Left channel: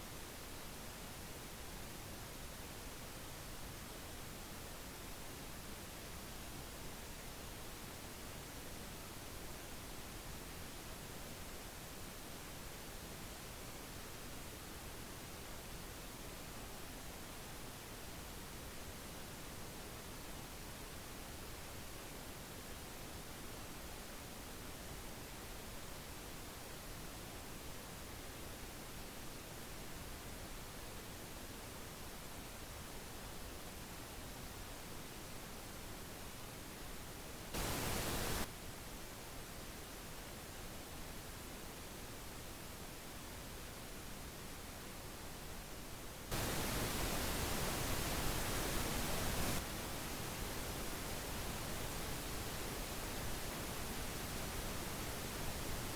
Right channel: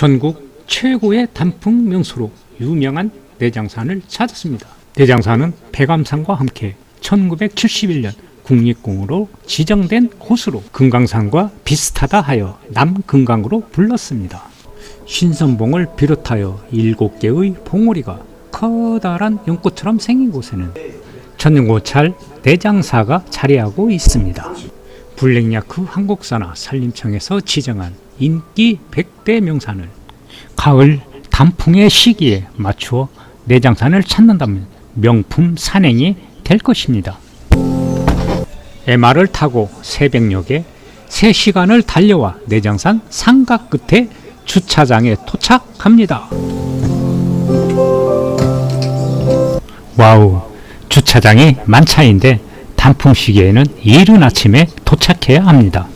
전국 최고의 단풍 명소로 유명한 내장산을 찾았습니다. 내장산은 백암산과 함께 1971년 국립공원으로 지정된 곳으로 금강산과 비슷하다 하여 남금강으로 불렀습니다. 신선봉을 비롯하여 7개의 봉우리가 커다란 연꽃처럼 생긴 곳에는 천연고찰 내장사가 자리하고 있습니다. 블랙야크 한국사나 산림청에서 지정한 인기 100대 명산을 가을 단풍의 시기에 맞추어 내장산을 찾는다면 명품 산행이 될 것입니다. MR을 타고 새벽녘에 3시간을 달려와 내장산 상가 끝에 주차장에 도착합니다. 와우, 주차장이 만차인데 단풍 시기에는 이른 아침에 도착해야 합니다.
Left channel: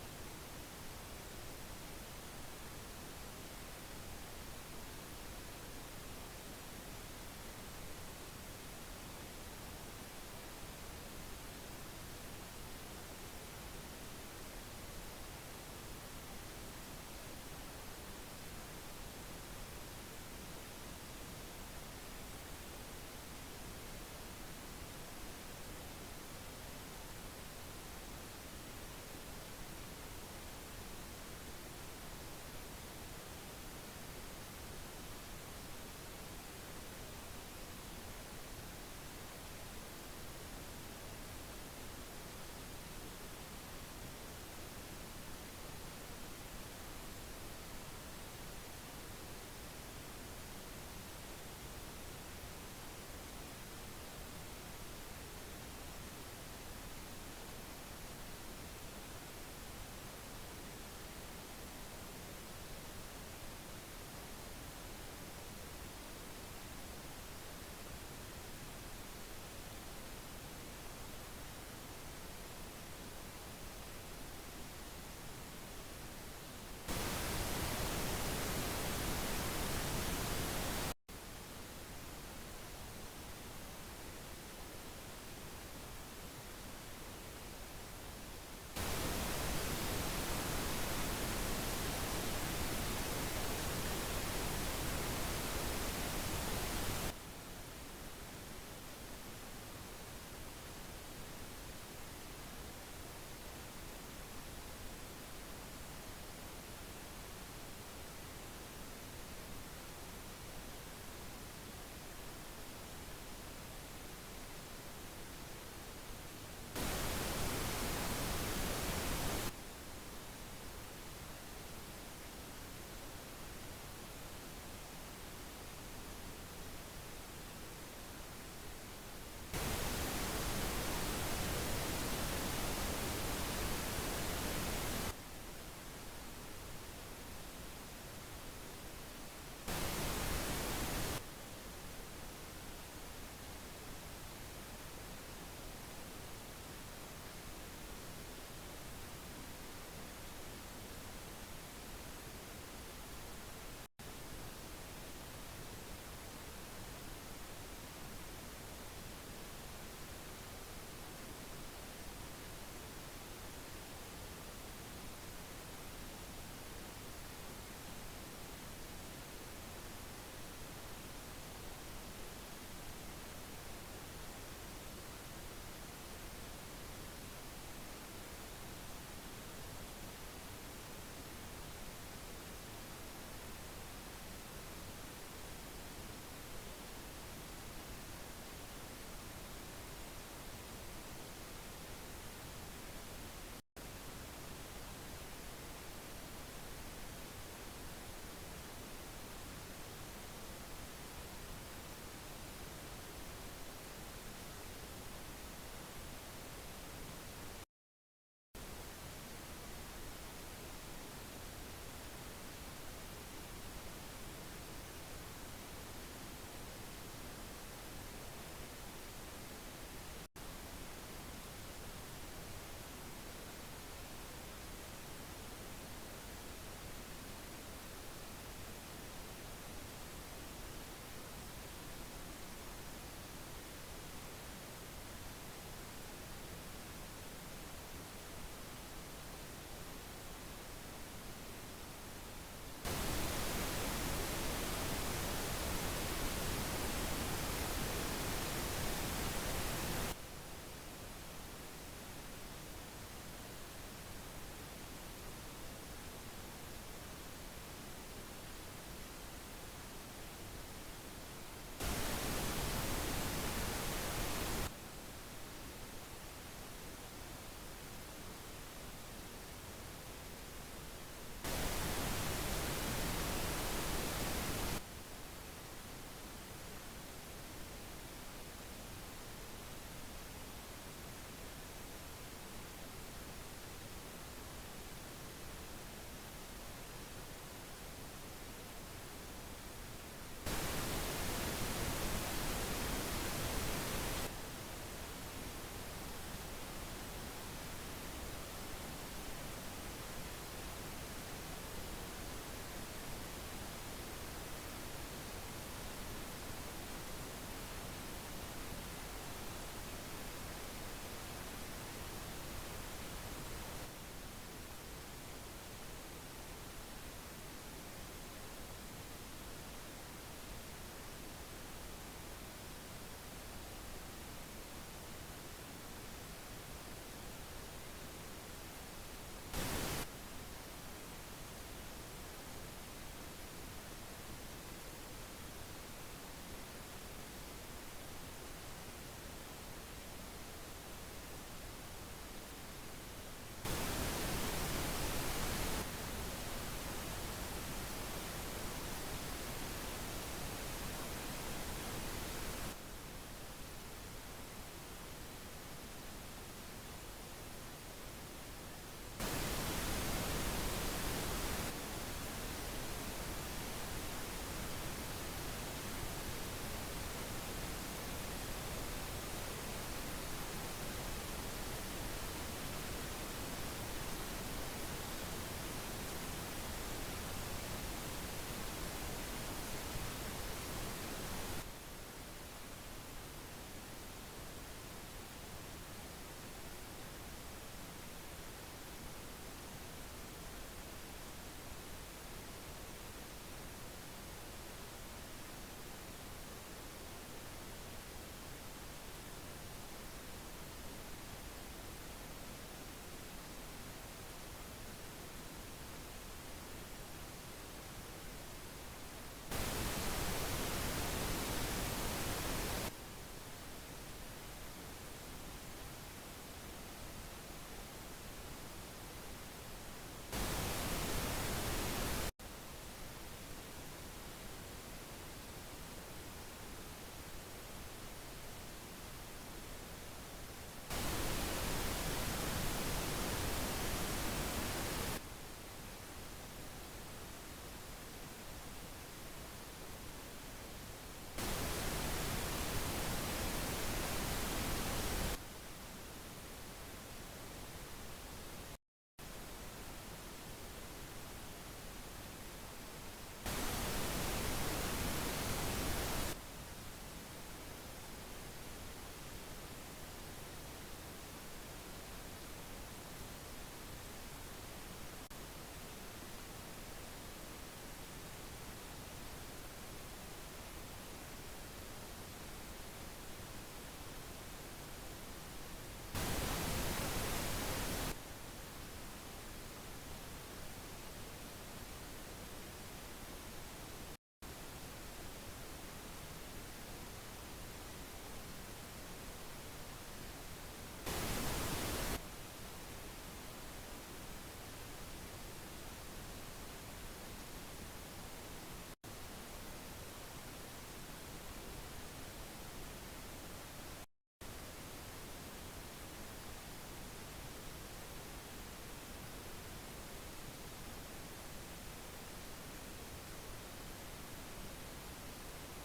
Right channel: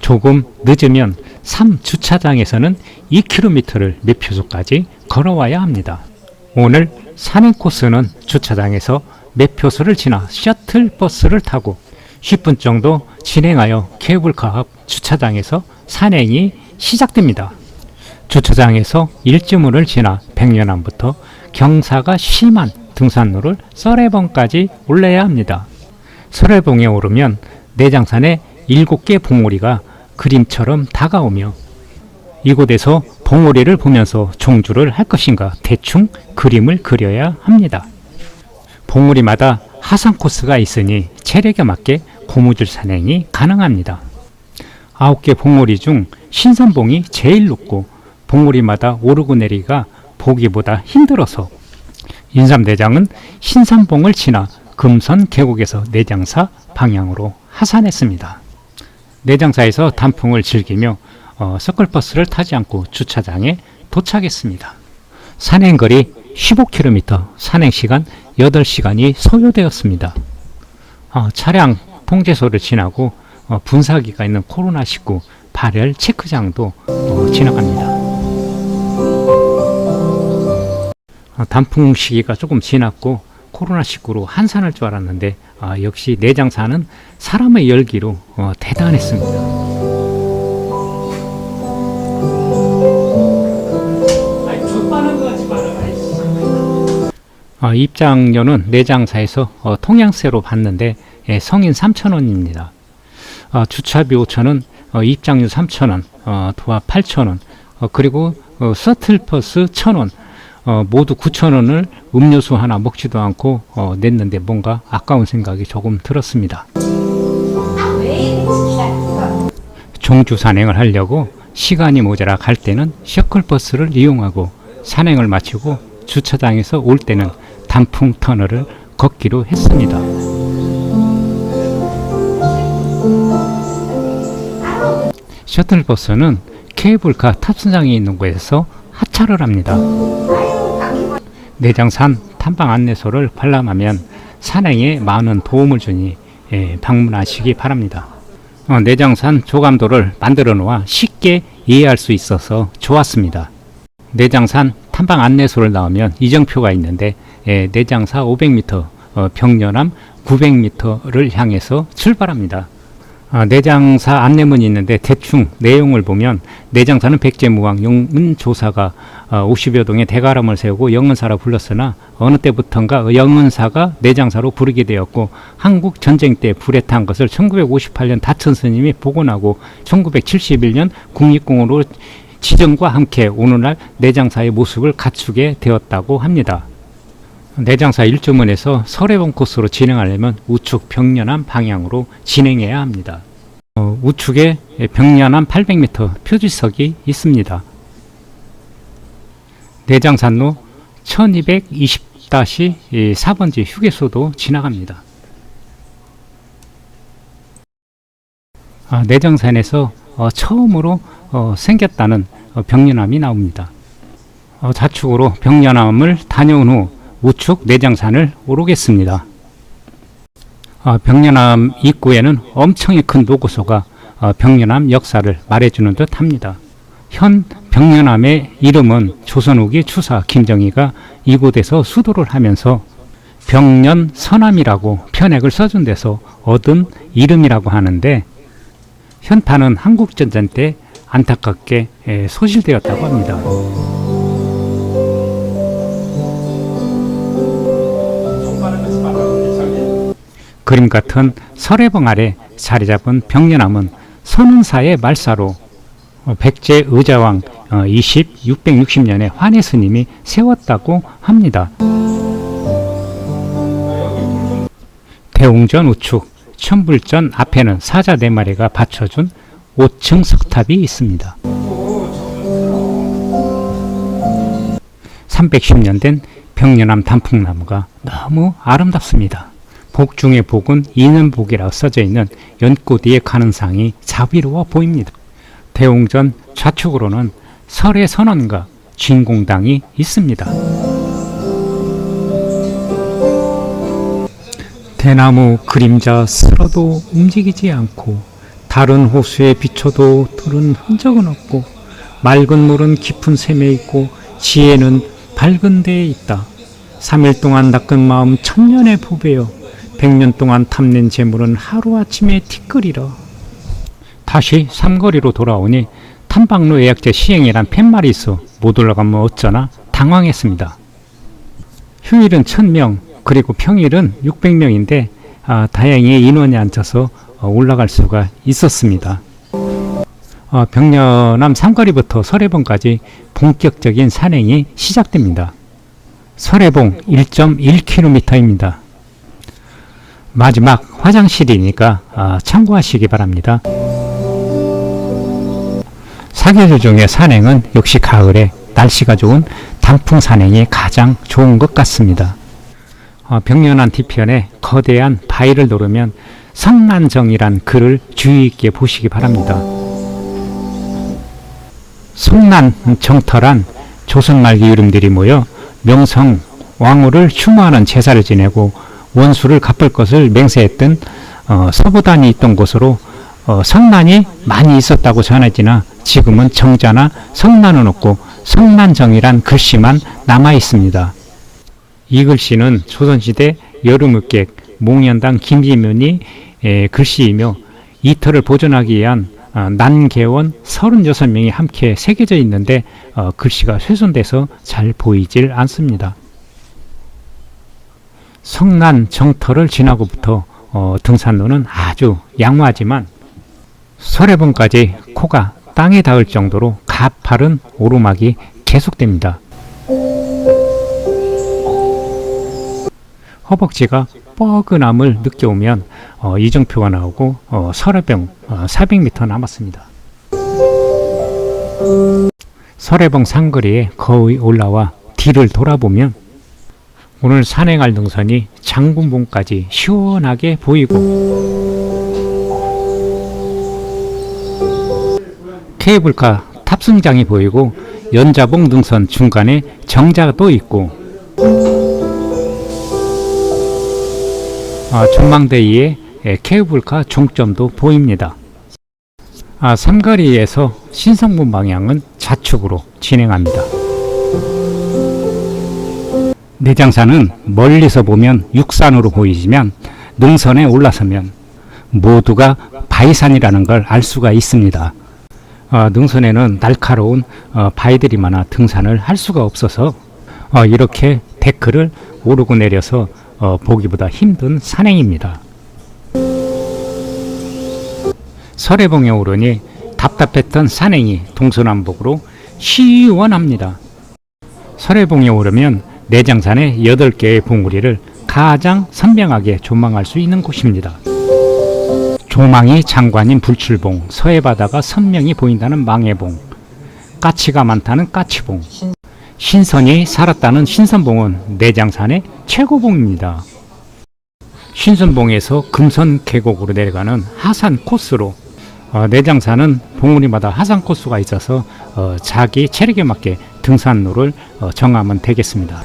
조금 늦으면 3주차장에서는 2km를 매표소까지 걸어와야 합니다. 오늘 산행 코스는 주차장에서 매표소를 지나 셔틀버스를 타고 10분 정도 진행하여 케이블카 앞 주차장에서 산행이 시작됩니다. 주차장에서 일주문을 지나 백년암부터 경사가 심한 등산로를 설해봉까지 올라야 합니다. 설해봉에 오르면 내장산의 7개 봉우리가 그림처럼 다가오며 이곳에서 봉우리를 보면서 종주를 할 것인가 대충 그림을 그려야 합니다. 봉우리마다 하산 코스가 있으니 체력에 맞게 고무줄 산행이 가능합니다. 9개 봉우리 중 신선봉이 제일 높고 봉우리마다 오르고 내리기가 보기보다 힘들어서 인삼대장은 신선봉을 지나 금선 계곡에서 내장사 방향으로 하산했습니다. 내장사에서 단풍을 즐기며 서클버스를 타지 않고 주차장에 도착했습니다. 산행거리 15km, 산행시간 8시간이 소요되었습니다. 차량 통제소를 지나고 분사기가 있는 코로나19 발열 체크장도 지나갑니다. 단풍 시기가 조금 지났고 코로나19로 한산할 줄 알았는데 역시 내장산은 사람의 열기로 대단했습니다. 입장료는 내장사에서 통양세로 받는데 성인 3,000원입니다. 주차비 5,000원, 입장료 3,000원, 도합 8,000원, 그리고 셔틀버스 1,000원, 모두 9,000원을 음료수 하나 먹지도 않고 냈는데 뭔가 아까운 생각이 조금 들었습니다. 종주 산행을 하려고 시간이 모자라 갈 때는 셔틀버스를 이용하고 산행을 마치고 주차장에서 올 때는 단풍 터널을 걷기로 했습니다. 셔틀버스는 케이블카 탑승장이 있는 곳에서 하차를 합니다. 내장산 탐방 안내소를 관람하면 산행에 많은 도움을 주니 방문하시기 바랍니다. 내장산 조감도를 만들어 놓아 쉽게 이해할 수 있어서 좋았습니다. 내장산 탐방 안내소를 나오면 이정표가 있는데 내장사 500m, 병련암 900m를 향해서 출발합니다. 내장사 안내문이 있는데 대충 내용을 보면 내장사는 백제무왕 영은조사가 50여 동의 대가람을 세우고 영은사라 불렀으나 어느 때부턴가 영은사가 내장사로 부르게 되었고 한국 전쟁 때 불에 탄 것을 1958년 다천 스님이 복원하고 1971년 국립공원으로 지정과 함께 오늘날 내장사의 모습을 갖추게 되었다고 합니다. 내장사 일주문에서 설해봉 코스로 진행하려면 우측 병련암 방향으로 진행해야 합니다. 우측에 병련암 800m 표지석이 있습니다. 내장산로 1220-4번지 휴게소도 지나갑니다. 내장산에서 처음으로 생겼다는 병련암이 나옵니다. 좌측으로 병련암을 다녀온 후 우측 내장산을 오르겠습니다. 병련암 입구에는 엄청히 큰 노고소가 병련암 역사를 말해주는 듯 합니다. 현 병련암의 이름은 조선 후기 추사 김정희가 이곳에서 수도를 하면서 병련서남이라고 편액을 써준 데서 얻은 이름이라고 하는데 현판은 한국전쟁 때 안타깝게 소실되었다고 합니다. 그림 같은 설해봉 아래 자리 잡은 병려남은 선운사의 말사로 백제 의자왕 660년에 환희 스님이 세웠다고 합니다. 대웅전 우측 천불전 앞에는 사자 4마리가 받쳐준 5층 석탑이 있습니다. 310년 된 병려남 단풍나무가 너무 아름답습니다. 복 중의 복은 인연복이라고 써져 있는 연꽃 위에 가는 상이 자비로워 보입니다. 대웅전 좌측으로는 설의 선원과 진공당이 있습니다. 대나무 그림자 쓸어도 움직이지 않고 다른 호수에 비춰도 들은 흔적은 없고 맑은 물은 깊은 샘에 있고 지혜는 밝은 데에 있다. 3일 동안 낚은 마음 천년에 부배여 100년 동안 탐낸 재물은 하루아침에 티끌이라. 다시 삼거리로 돌아오니 탐방로 예약제 시행이란 팻말이 있어 못 올라가면 어쩌나 당황했습니다. 휴일은 1000명 그리고 평일은 600명인데 다행히 인원이 앉아서 올라갈 수가 있었습니다. 병려남 삼거리부터 설해봉까지 본격적인 산행이 시작됩니다. 설해봉 1.1km입니다. 마지막 화장실이니까 참고하시기 바랍니다. 사계절 중에 산행은 역시 가을에 날씨가 좋은 단풍 산행이 가장 좋은 것 같습니다. 병려남 뒤편에 거대한 바위를 노르면 성난정이란 글을 주의 있게 보시기 바랍니다. 성난정터란 조선 말기 이름들이 모여 명성 왕후를 추모하는 제사를 지내고 원수를 갚을 것을 맹세했던 서부단이 있던 곳으로 성난이 많이 있었다고 전해지나 지금은 정자나 성난은 없고 성난정이란 글씨만 남아 있습니다. 이 글씨는 조선시대 여름읍객 몽연당 김지면이 글씨이며 이터를 보존하기 위한 난개원 36명이 함께 새겨져 있는데 글씨가 훼손돼서 잘 보이질 않습니다. 성난 정터를 지나고부터 등산로는 아주 양호하지만 설해봉까지 코가 땅에 닿을 정도로 가파른 오르막이 계속됩니다. 허벅지가 뻐근함을 느껴오면 이정표가 나오고 설해봉 400m 남았습니다. 설해봉 상거리에 거의 올라와 뒤를 돌아보면 오늘 산행할 능선이 장군봉까지 시원하게 보이고 케이블카 탑승장이 보이고 연자봉 능선 중간에 정자도 있고 전망대 위에 케이블카 종점도 보입니다. 삼거리에서 신성문 방향은 좌측으로 진행합니다. 내장산은 멀리서 보면 육산으로 보이지만 능선에 올라서면 모두가 바위산이라는 걸 알 수가 있습니다. 능선에는 날카로운 바위들이 많아 등산을 할 수가 없어서 이렇게 데크를 오르고 내려서 보기보다 힘든 산행입니다. 설해봉에 오르니 답답했던 산행이 동서남북으로 시원합니다. 설해봉에 오르면 내장산의 8개의 봉우리를 가장 선명하게 조망할 수 있는 곳입니다. 조망이 장관인 불출봉, 서해바다가 선명히 보인다는 망해봉, 까치가 많다는 까치봉, 신선이 살았다는 신선봉은 내장산의 최고봉입니다. 신선봉에서 금선 계곡으로 내려가는 하산 코스로 내장산은 봉우리마다 하산 코스가 있어서 자기 체력에 맞게 등산로를 정하면 되겠습니다.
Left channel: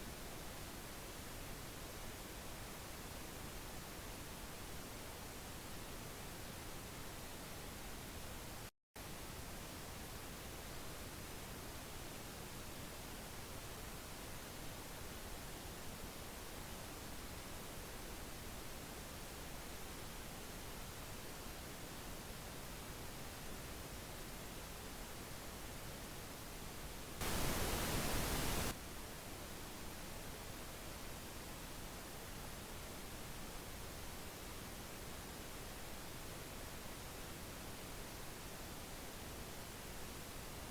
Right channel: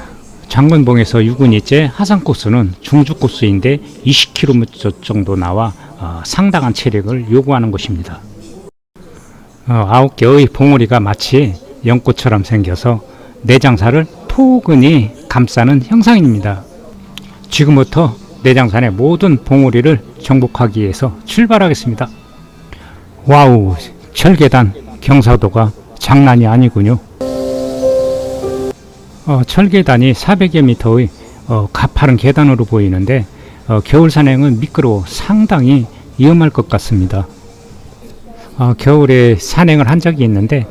장군봉에서 유근이째 하산 코스는 중주 코스인데 20km 정도 나와 상당한 체력을 요구하는 곳입니다. 9개의 봉우리가 마치 연꽃처럼 생겨서 내장산을 포근히 감싸는 형상입니다. 지금부터 내장산의 모든 봉우리를 정복하기 위해서 출발하겠습니다. 와우, 철계단 경사도가 장난이 아니군요. 철계단이 400여 미터의 가파른 계단으로 보이는데 겨울 산행은 미끄러워 상당히 위험할 것 같습니다. 겨울에 산행을 한 적이 있는데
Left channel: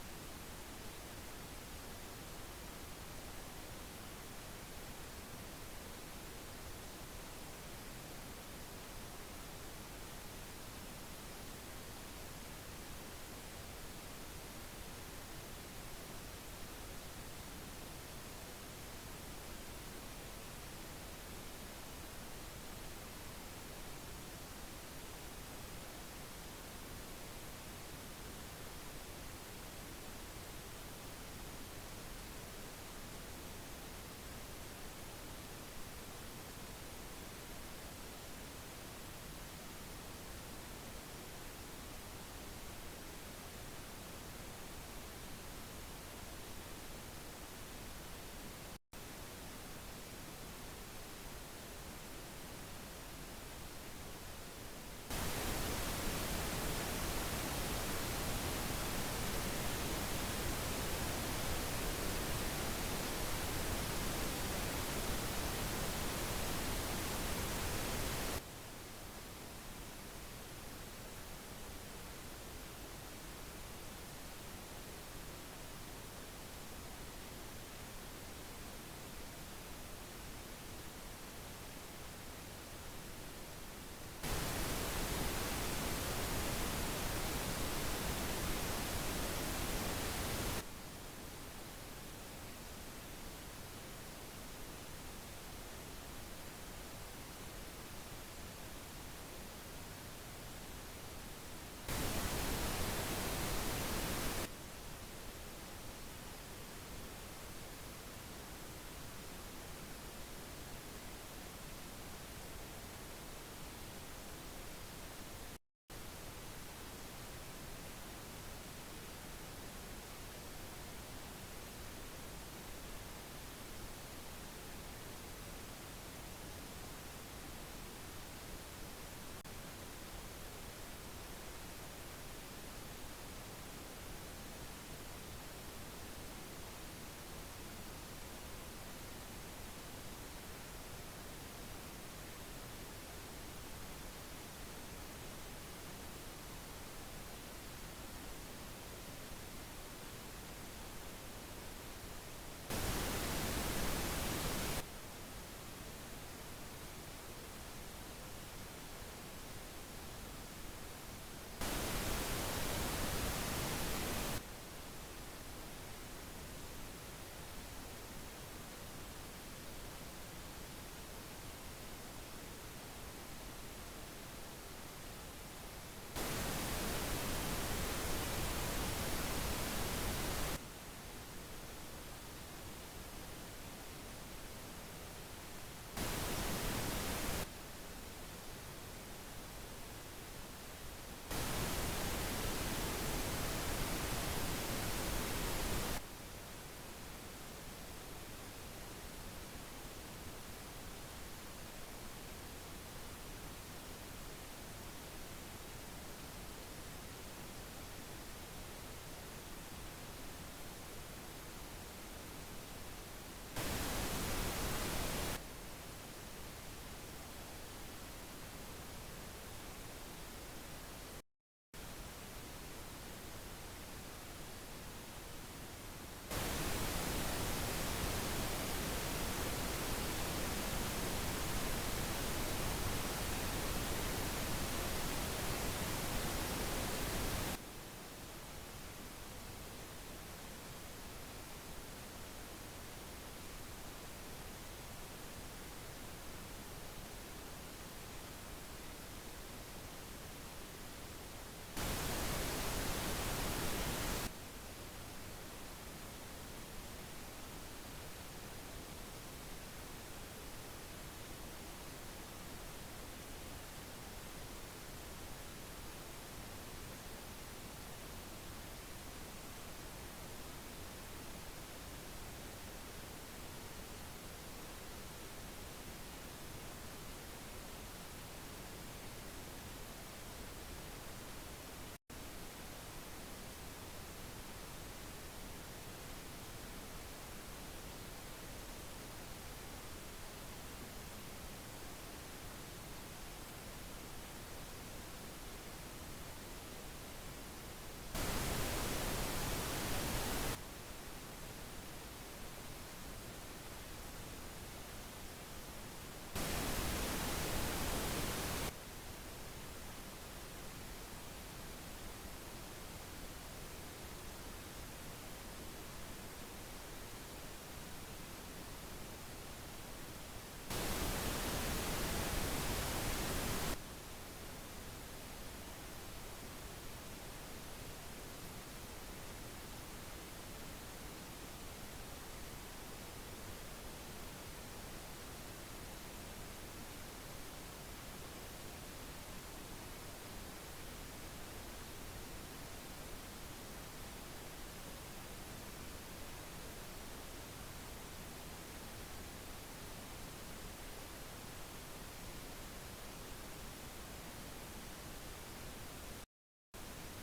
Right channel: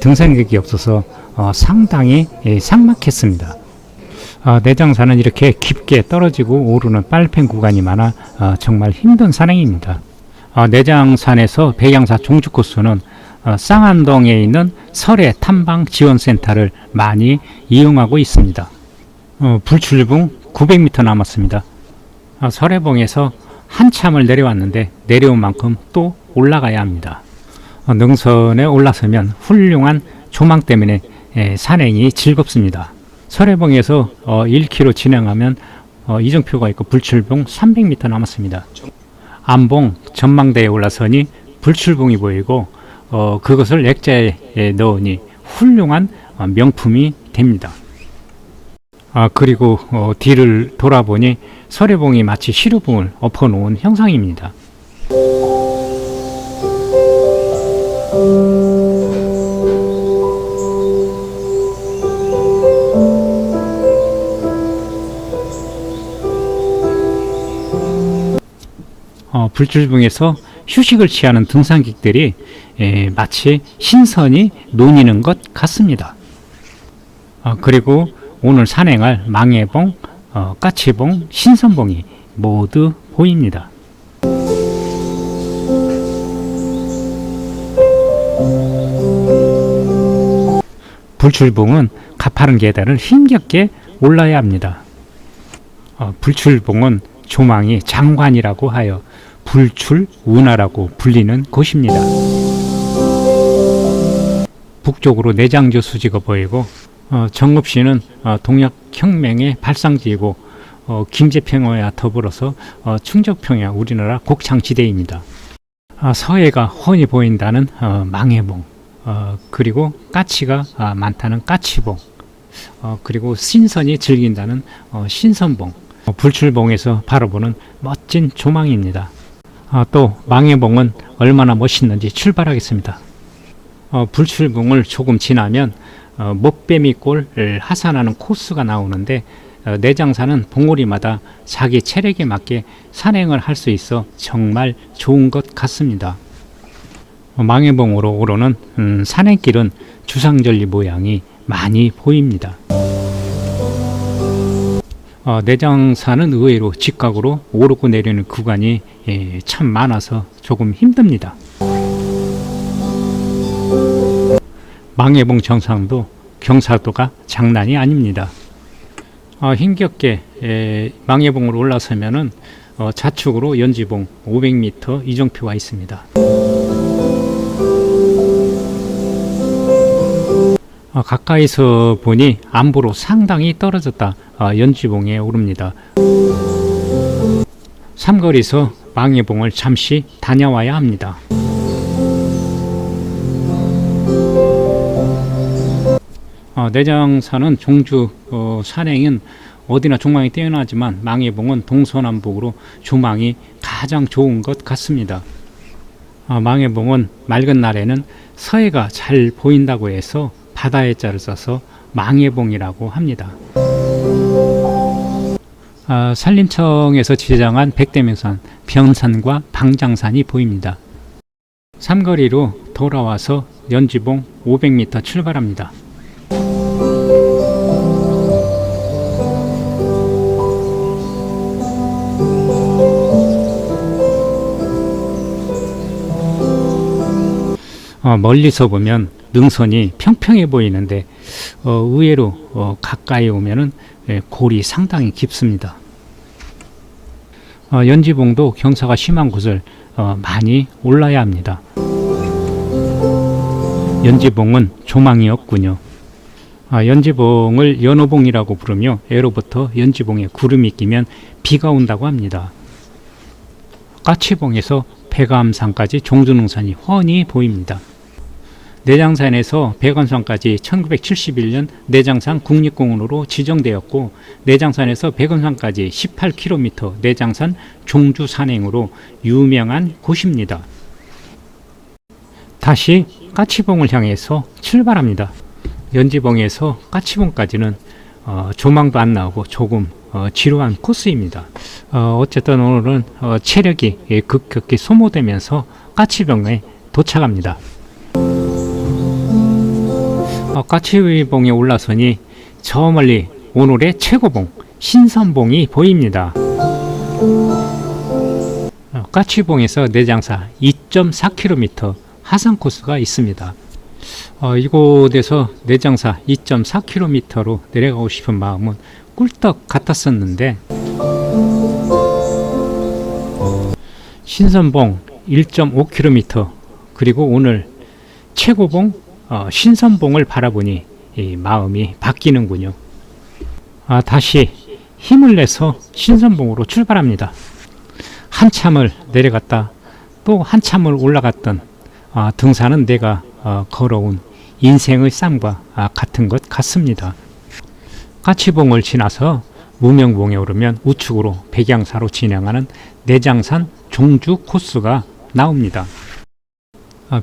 등산객이 없어서 상당히 삭막했습니다. 내장산은 이렇게 깊게 떨어지고 오르는 빨팽 구간이 많아 정말 힘든 산행입니다. 내장산에서 백양사 종주 코스는 쌍안동에 있는 설해 탐방 지원센터를 많이 이용하고 있습니다. 불출봉 900m 남았습니다. 설해봉에서 한참을 내려왔는데 내려온 만큼 또 올라가야 합니다. 능선에 올라서면 훌륭한 조망 때문에 산행이 즐겁습니다. 설해봉에서 1km 진행하면 이정표가 있고 불출봉 300m 남았습니다. 안봉 전망대에 올라서니 불출봉이 보이고 그것을 액자에 넣으니 훌륭한 명품이 됩니다. 그리고 뒤를 돌아보니 설해봉이 마치 시루봉을 엎어놓은 형상입니다. 불출봉에서 휴식을 취하는 등산객들이 마치 신선이 논이는 것 같습니다. 그리고 오늘 산행할 망해봉, 까치봉, 신선봉이 모두 보입니다. 불출봉은 가파른 계단을 힘겹게 올라야 합니다. 불출봉은 조망이 장관이라고 하여 불출운하라고 불리는 곳입니다. 북쪽으로 내장조 수지가 보이고 정읍시는 동학혁명의 발상지이고 김제평야와 더불어서 충정평야 우리나라 곡창지대입니다. 서해가 훤히 보인다는 망해봉, 그리고 까치가 많다는 까치봉, 그리고 신선이 즐긴다는 신선봉, 불출봉에서 바라보는 멋진 조망입니다. 또 망해봉은 얼마나 멋있는지 출발하겠습니다. 불출봉을 조금 지나면 목뱀이골을 하산하는 코스가 나오는데 내장산은 봉우리마다 자기 체력에 맞게 산행을 할 수 있어 정말 좋은 것 같습니다. 망해봉으로 오르는 산행길은 주상절리 모양이 많이 보입니다. 내장산은 의외로 직각으로 오르고 내리는 구간이 참 많아서 조금 힘듭니다. 망해봉 정상도 경사도가 장난이 아닙니다. 힘겹게 망해봉으로 올라서면은 좌측으로 연지봉 500m 이정표가 있습니다. 가까이서 보니 안보로 상당히 떨어졌다 연지봉에 오릅니다. 삼거리에서 망해봉을 잠시 다녀와야 합니다. 내장산은 종주 산행은 어디나 조망이 뛰어나지만 망해봉은 동서남북으로 조망이 가장 좋은 것 같습니다. 망해봉은 맑은 날에는 서해가 잘 보인다고 해서 바다의 자를 써서 망해봉이라고 합니다. 산림청에서 지정한 백대명산 변산과 방장산이 보입니다. 삼거리로 돌아와서 연지봉 500m 출발합니다. 멀리서 보면 능선이 평평해 보이는데 의외로 가까이 오면은 골이 상당히 깊습니다. 연지봉도 경사가 심한 곳을 많이 올라야 합니다. 연지봉은 조망이 없군요. 연지봉을 연호봉이라고 부르며 예로부터 연지봉에 구름이 끼면 비가 온다고 합니다. 까치봉에서 백암산까지 종주능선이 훤히 보입니다. 내장산에서 백원산까지 1971년 내장산 국립공원으로 지정되었고 내장산에서 백원산까지 18km 내장산 종주 산행으로 유명한 곳입니다. 다시 까치봉을 향해서 출발합니다. 연지봉에서 까치봉까지는 조망도 안 나오고 조금 지루한 코스입니다. 어쨌든 오늘은 체력이 급격히 소모되면서 까치봉에 도착합니다. 까치봉에 올라서니 저 멀리 오늘의 최고봉 신선봉이 보입니다. 까치봉에서 내장사 2.4km 하산 코스가 있습니다. 이곳에서 내장사 2.4km로 내려가고 싶은 마음은 꿀떡 같았었는데 신선봉 1.5km 그리고 오늘 최고봉 신선봉을 바라보니 이 마음이 바뀌는군요. 다시 힘을 내서 신선봉으로 출발합니다. 한참을 내려갔다 또 한참을 올라갔던 등산은 내가 걸어온 인생의 쌈과 같은 것 같습니다. 까치봉을 지나서 무명봉에 오르면 우측으로 백양사로 진행하는 내장산 종주 코스가 나옵니다.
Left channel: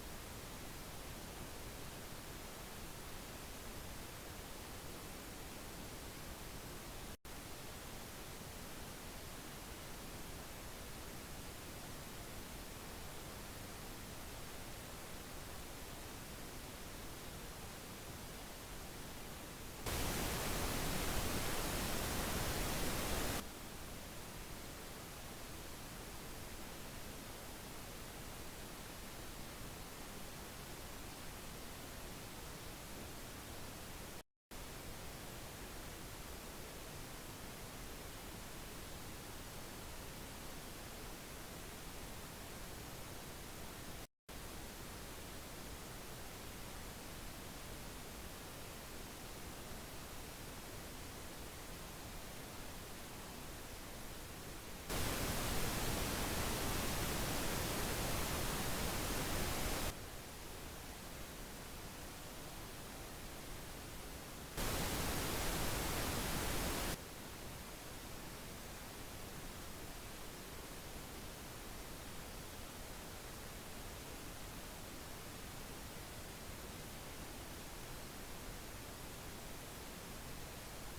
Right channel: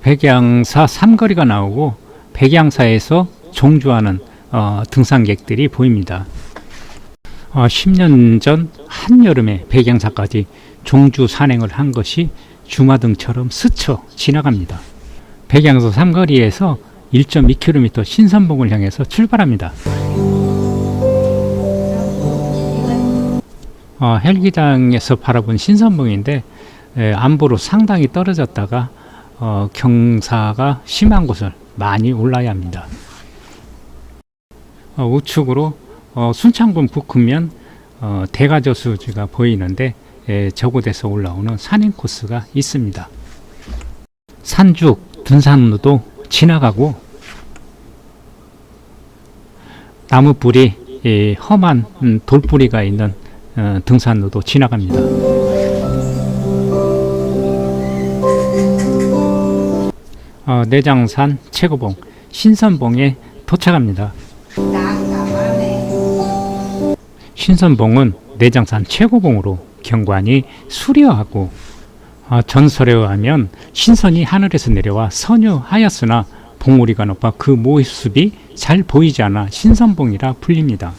백양사 삼거리가 나오고 백양사에서 종주하는 등산객들이 보입니다. 10년 전 한여름에 백양사까지 종주 산행을 한 것이 주마등처럼 스쳐 지나갑니다. 백양사 삼거리에서 1.2km 신선봉을 향해서 출발합니다. 헬기장에서 바라본 신선봉인데 안보로 상당히 떨어졌다가 경사가 심한 곳을 많이 올라야 합니다. 우측으로 순창군 북후면 대가저수지가 보이는데 저곳에서 올라오는 산행 코스가 있습니다. 산죽 등산로도 지나가고 나무뿌리 험한 돌뿌리가 있는 등산로도 지나갑니다. 내장산 최고봉 신선봉에 도착합니다. 신선봉은 내장산 최고봉으로 경관이 수려하고 전설에 의하면 신선이 하늘에서 내려와 선유하였으나 봉우리가 높아 그 모습이 잘 보이지 않아 신선봉이라 불립니다.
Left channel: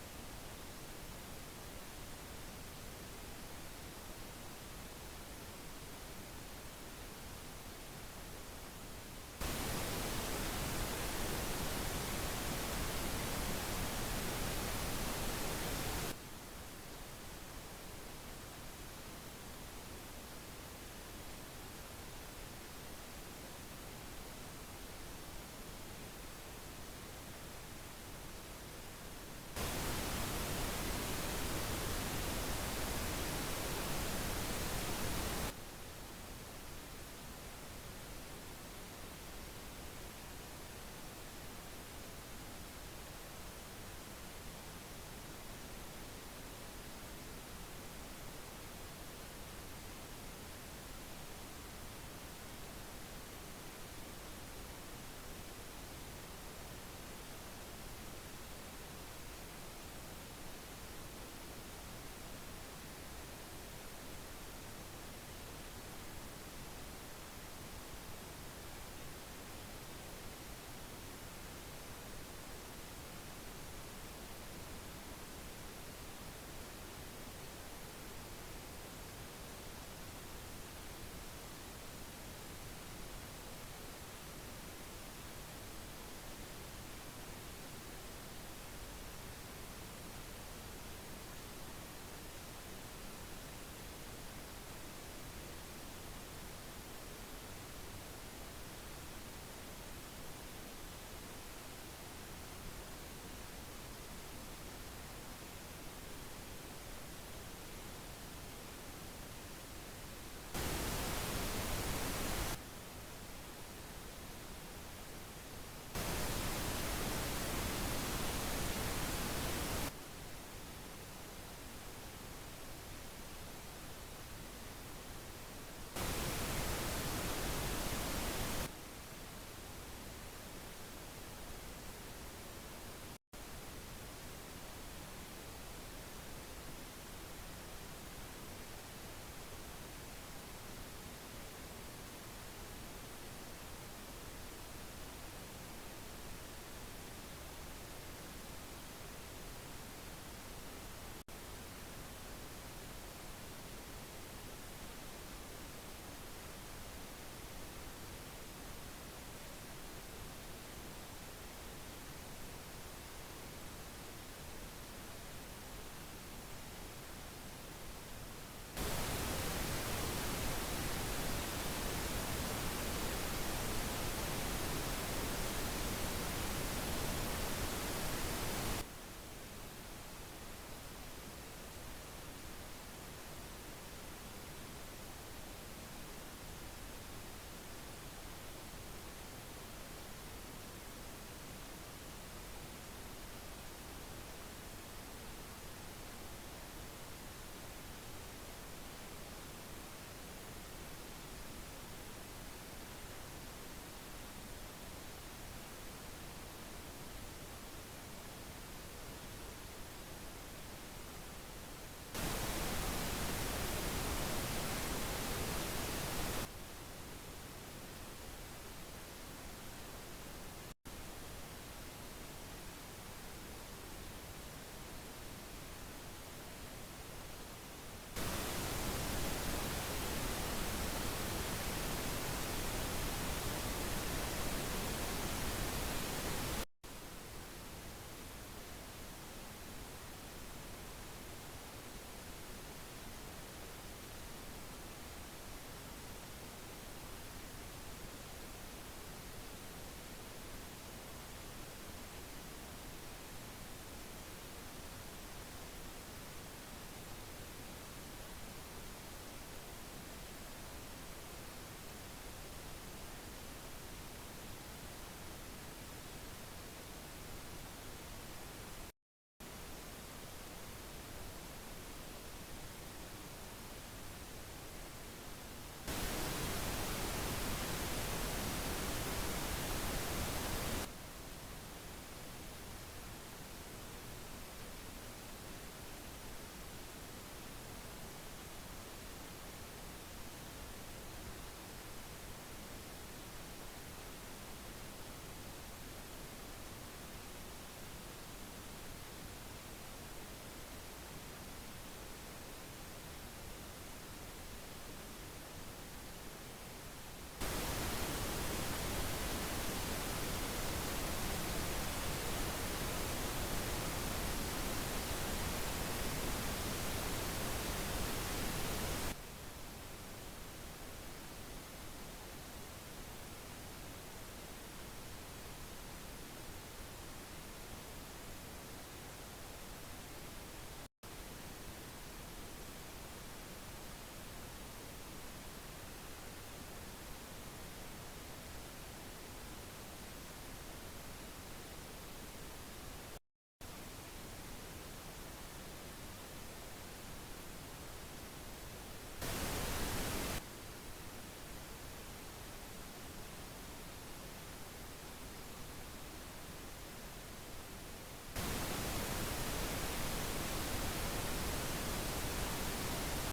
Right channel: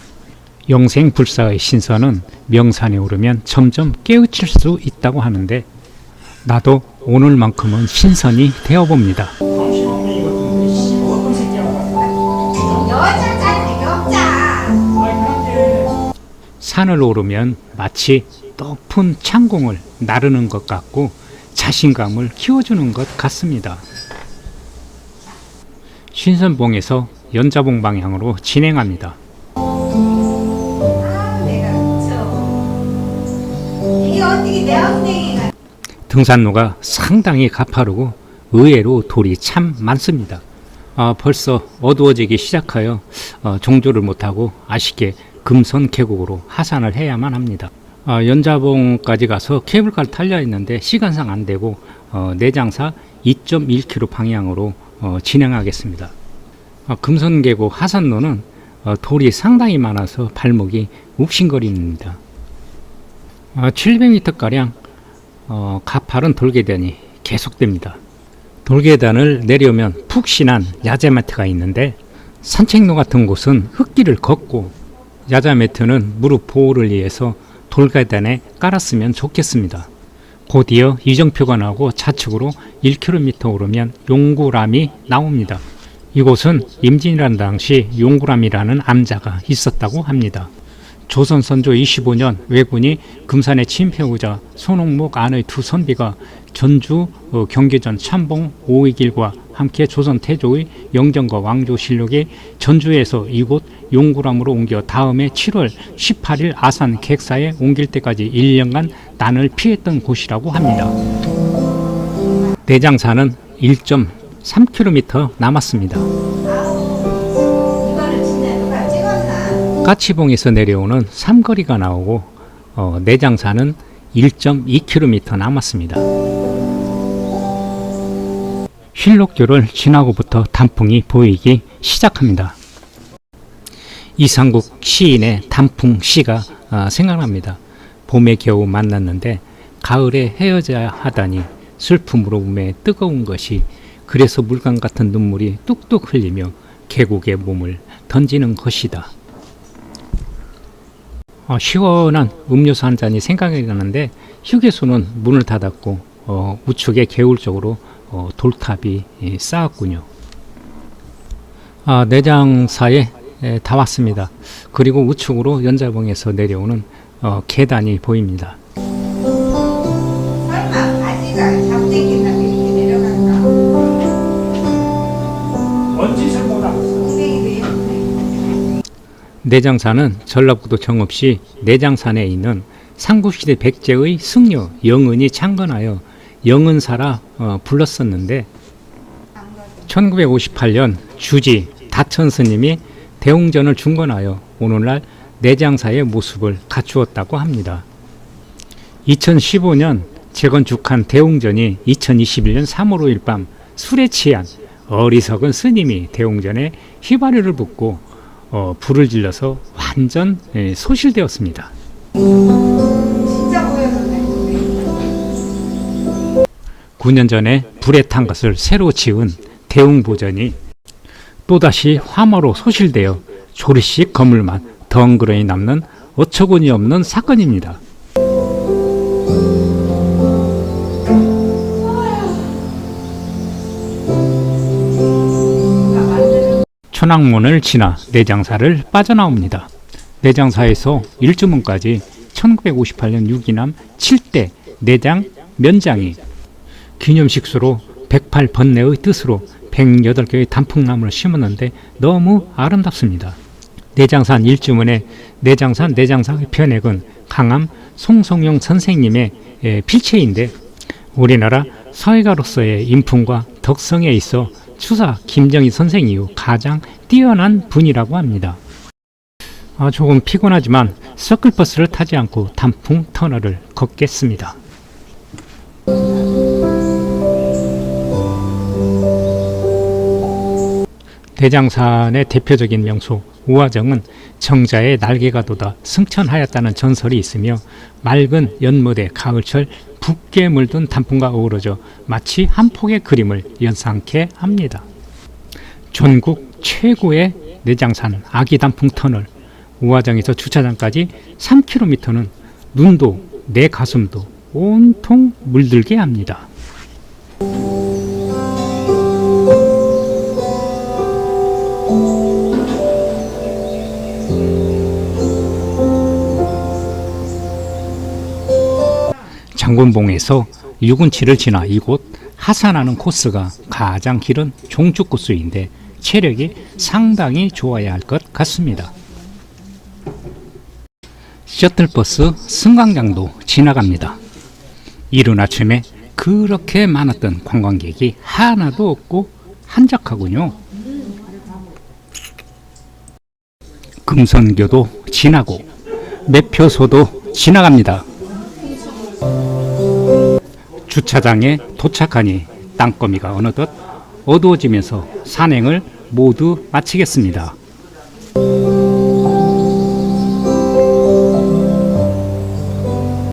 영생불사의 신선은 명산에 오르면 점점 깨우칠 수 있다고 하는데 나도 오늘만큼은 신선이 되어봅니다. 산을 오르면 마치 높은 창공을 나르는 것 같고 자신감을 키워주는 것 같습니다. 신선봉에서 연자봉 방향으로 진행합니다. 등산로가 상당히 가파르고 의외로 돌이 참 많습니다. 벌써 어두워지기 시작하여 종주를 못하고 아쉽게 금선 계곡으로 하산을 해야만 합니다. 연자봉까지 가서 케이블카를 타려 했는데 시간상 안 되고 내장사 2.1km 방향으로 진행하겠습니다. 금선 계곡 하산로는 돌이 상당히 많아서 발목이 욱신거립니다. 700m가량 가파른 돌계단이 계속됩니다. 돌계단을 내려오면 푹신한 야자매트가 있는데 산책로 같은 곳은 흙길을 걷고 야자매트는 무릎 보호를 위해서 돌계단에 깔았으면 좋겠습니다. 곧이어 이정표가 나오고 좌측으로 1km 오르면 용구람이 나옵니다. 이곳은 임진이라는 당시 용구람이라는 암자가 있었다고 합니다. 조선 선조 25년 왜군이 금산에 침입해오자 손옥목 안의 두 선비가 전주 경계전 참봉 오이길과 함께 조선 태조의 영정과 왕조실록에 전주에서 이곳 용구람으로 옮겨 다음해 7월 18일 아산 객사에 옮길 때까지 1년간 난을 피했던 곳이라고 합니다. 내장산은 1.3km 남았습니다. 까치봉에서 내려오는 삼거리가 나오고 내장산은 1.2km 남았습니다. 힐록교를 지나고부터 단풍이 보이기 시작합니다. 이상국 시인의 단풍시가 생각납니다. 봄에 겨우 만났는데 가을에 헤어져야 하다니 슬픔으로 몸에 뜨거운 것이 그래서 물감 같은 눈물이 뚝뚝 흘리며 계곡에 몸을 던지는 것이다. 시원한 음료수 한 잔이 생각이 나는데 휴게소는 문을 닫았고 우측의 개울 쪽으로 돌탑이 쌓았군요. 내장사에 다 왔습니다. 그리고 우측으로 연자봉에서 내려오는 계단이 보입니다. 내장산은 전라북도 정읍시 내장산에 있는 삼국시대 백제의 승려 영은이 창건하여 영은사라 불렀었는데 1958년 주지 다천 스님이 대웅전을 중건하여 오늘날 내장사의 모습을 갖추었다고 합니다. 2015년 재건축한 대웅전이 2021년 3월 5일 밤 술에 취한 어리석은 스님이 대웅전에 휘발유를 붓고 불을 질러서 완전 소실되었습니다. 9년 전에 불에 탄 것을 새로 지은 대웅보전이 또다시 화마로 소실되어 조리씩 거물만 덩그러니 남는 어처구니 없는 사건입니다. 천왕문을 지나 내장사를 빠져나옵니다. 내장사에서 일주문까지 1958년 유기남 7대 내장 면장이 기념식수로 108번뇌의 뜻으로 108개의 단풍나무를 심었는데 너무 아름답습니다. 내장산 일주문의 내장산 내장사의 편액은 강암 송성용 선생님의 필체인데 우리나라 서예가로서의 인품과 덕성에 있어 추사 김정희 선생 이후 가장 뛰어난 분이라고 합니다. 조금 피곤하지만 서클버스를 타지 않고 단풍 터널을 걷겠습니다. 대장산의 대표적인 명소 우화정은 정자의 날개가 돋아 승천하였다는 전설이 있으며 맑은 연못의 가을철 붉게 물든 단풍과 어우러져 마치 한 폭의 그림을 연상케 합니다. 전국 최고의 내장산 아기단풍 터널 우화정에서 주차장까지 3km는 눈도 내 가슴도 온통 물들게 합니다. 장군봉에서 6원치를 지나 이곳 하산하는 코스가 가장 길은 종축코스인데 체력이 상당히 좋아야 할 것 같습니다. 셔틀버스 승강장도 지나갑니다. 이른 아침에 그렇게 많았던 관광객이 하나도 없고 한적하군요. 금선교도 지나고 매표소도 지나갑니다. 주차장에 도착하니 땅거미가 어느덧 어두워지면서 산행을 모두 마치겠습니다.